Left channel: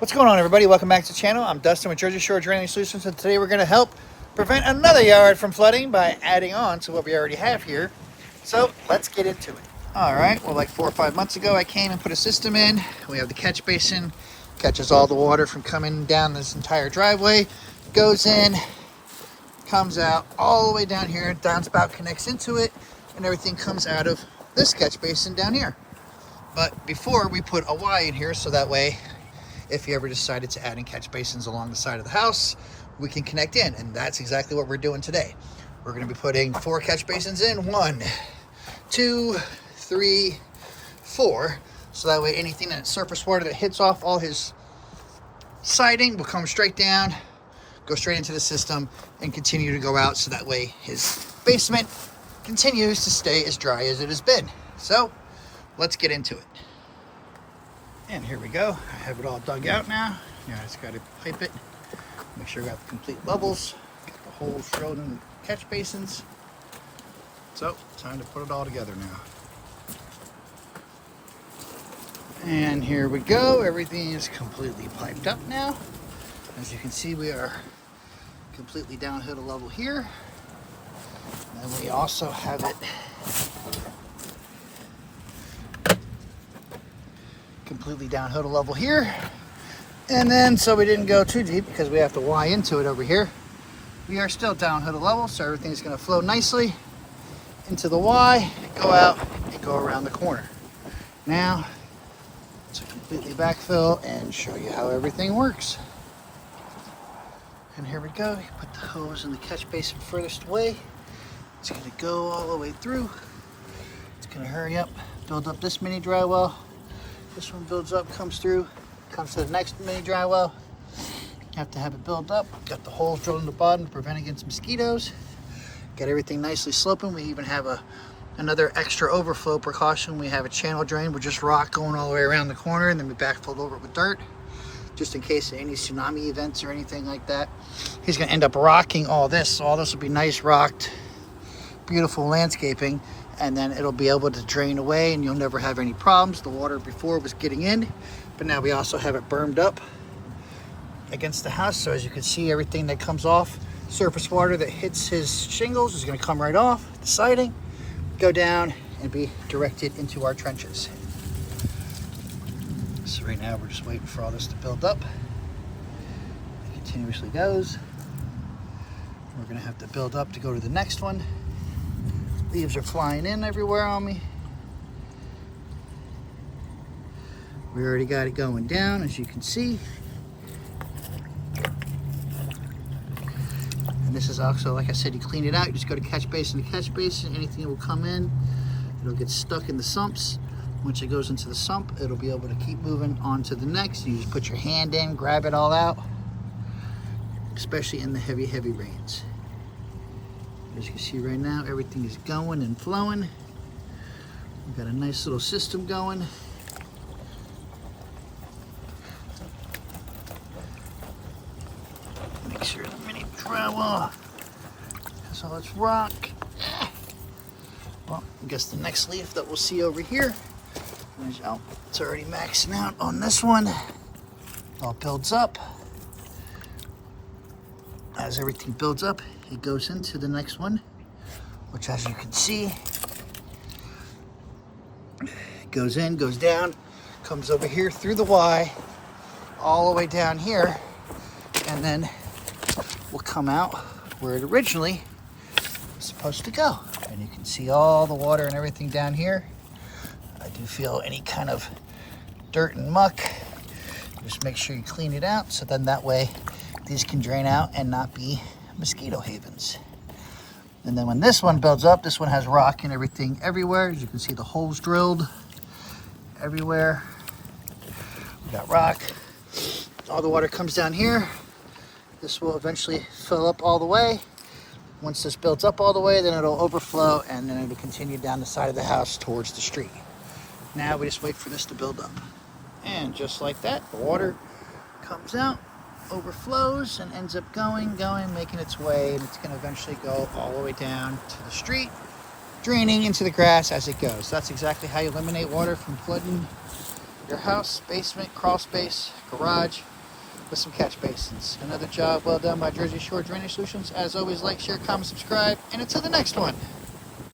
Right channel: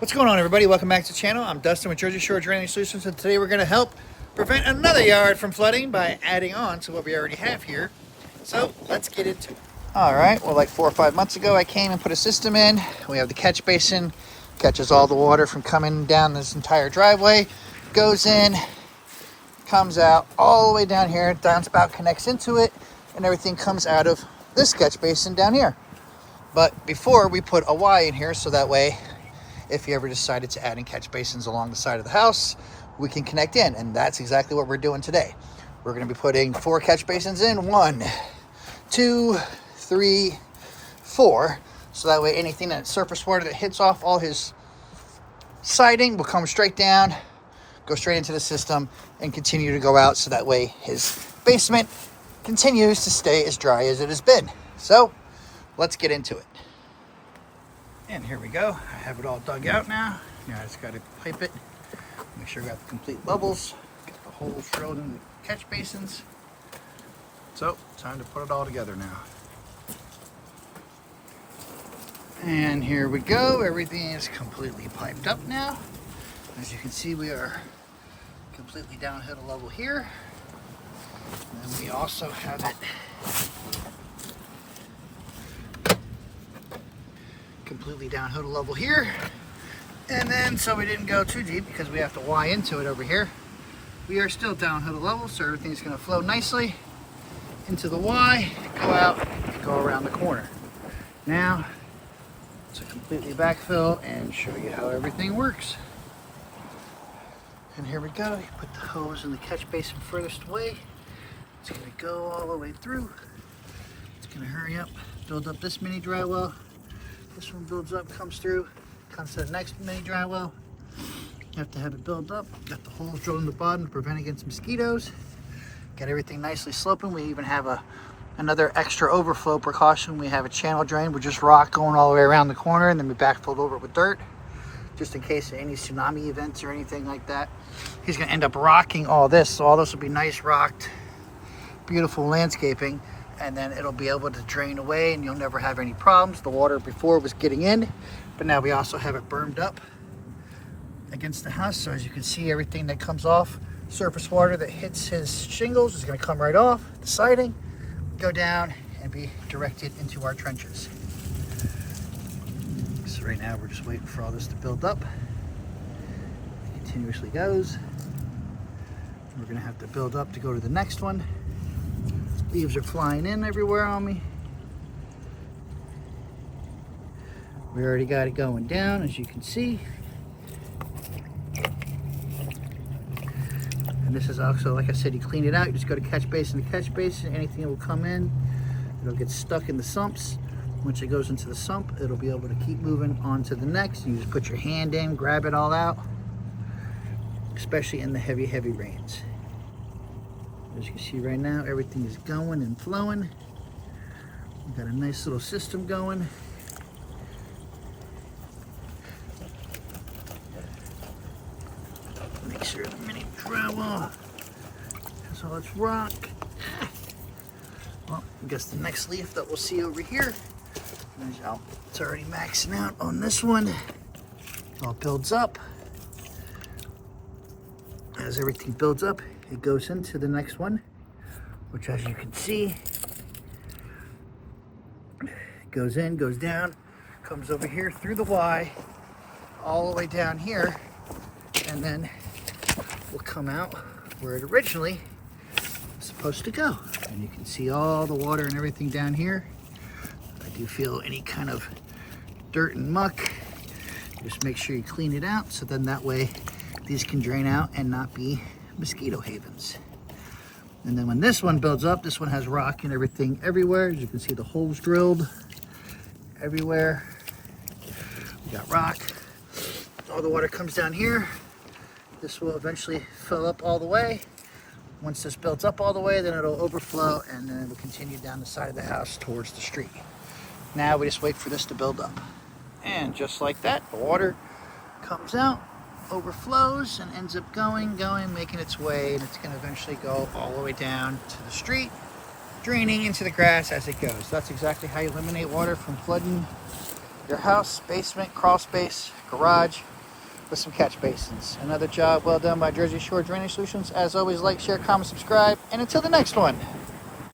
What's going on, everybody? Welcome back to the channel. I'm Dustin with Jersey Shore Drainage Solutions, and today we're going to help prevent another yard from flooding by adding on to what we already have here. So let's get into it. All right, well, like 4 or 5 months ago, I came and put a system in. We have the catch basin, catches all the water from coming down this entire driveway, goes in, comes out all the way down here. Downspout connects into it, and everything comes out of this catch basin down here. But before, we put a Y in here so that way, if you ever decided to add in catch basins along the side of the house, we can connect in, and that's exactly what we're doing today. We're going to be putting 4 catch basins in. 1, 2, 3, 4. So that way anything that surface water that hits off all his siding will come straight down, go straight into the system, and continue to go out, so that way his basement continues to stay as dry as it has been. So let's get into it. And here we go. I have it all dug out now. Now I just got to pipe it, make sure I got the complete levels, get the holes drilled in the catch basins. So, time to put it all together now. And here we go. Everything is completely piped up now. As you can see, we are completely downhill to level here. And we also have it completely downhill to level here. And then, so we didn't go too deep because we have to Y into it over here, we are still downhill to level, so everything's going to flow nicely into the Y, go out, and go around the corner. Now, to completely backfill and show you how everything works. And here we go. You put the hose in the catch basin furthest away. It's going to go all the way through. It's going to hurry up, build up this mini dry well. This one builds up, comes through, comes to the next mini dry well. You have to have it build up. Got the holes drilled in the bottom to prevent against mosquitoes. Got everything nicely sloping. We even have another extra overflow precaution. We have a channel drain with just rock going all the way around the corner, and then we backfilled over it with dirt, just in case of any tsunami events or anything like that. He's going to end up rocking all this, so all this will be nice rocked, beautiful landscaping. And then it'll be able to drain away and you'll never have any problems. The water before was getting in, but now we also have it bermed up against the house. So as you can see, everything that comes off, surface water that hits his shingles is gonna come right off the siding, go down and be directed into our trenches. So right now we're just waiting for all this to build up. It continuously goes. We're gonna have to build up to go to the next one. Leaves are flying in everywhere on me. We already got it going down, as you can see. And this is also, like I said, you clean it out. You just go to catch basin to catch basin. Anything that will come in, it'll get stuck in the sumps. Once it goes into the sump, it'll be able to keep moving on to the next. You just put your hand in, grab it all out, especially in the heavy, heavy rains. As you can see right now, everything is going and flowing. We've got a nice little system going. Make sure the mini drywall has all its rock. Well, I guess the next leaf that we'll see over here, oh, it's already maxing out on this one. It all builds up. As everything builds up, it goes into the next one, which, as you can see, goes in, goes down, comes over here through the Y, all the way down here, and then will come out where it originally was supposed to go. And you can see all the water and everything down here. I do feel any kind of dirt and muck. Just make sure you clean it out, so then that way these can drain out and not be mosquito havens. And then when this one builds up, this one has rock and everything everywhere. As you can see, the holes drilled everywhere. We got rock. All the water comes down here. This will eventually fill up all the way. Once this builds up all the way, then it'll overflow, and then it'll continue down the side of the house towards the street. Now we just wait for this to build up. And just like that, the water comes out, overflows, and ends up going, making its way, and it's going to eventually go all the way down to the street, draining into the grass as it goes. So that's exactly how you eliminate water from flooding your house, basement, crawl space, garage with some catch basins. Another job well done by Jersey Shore Drainage Solutions. As always, like, share, comment, subscribe, and until the next one,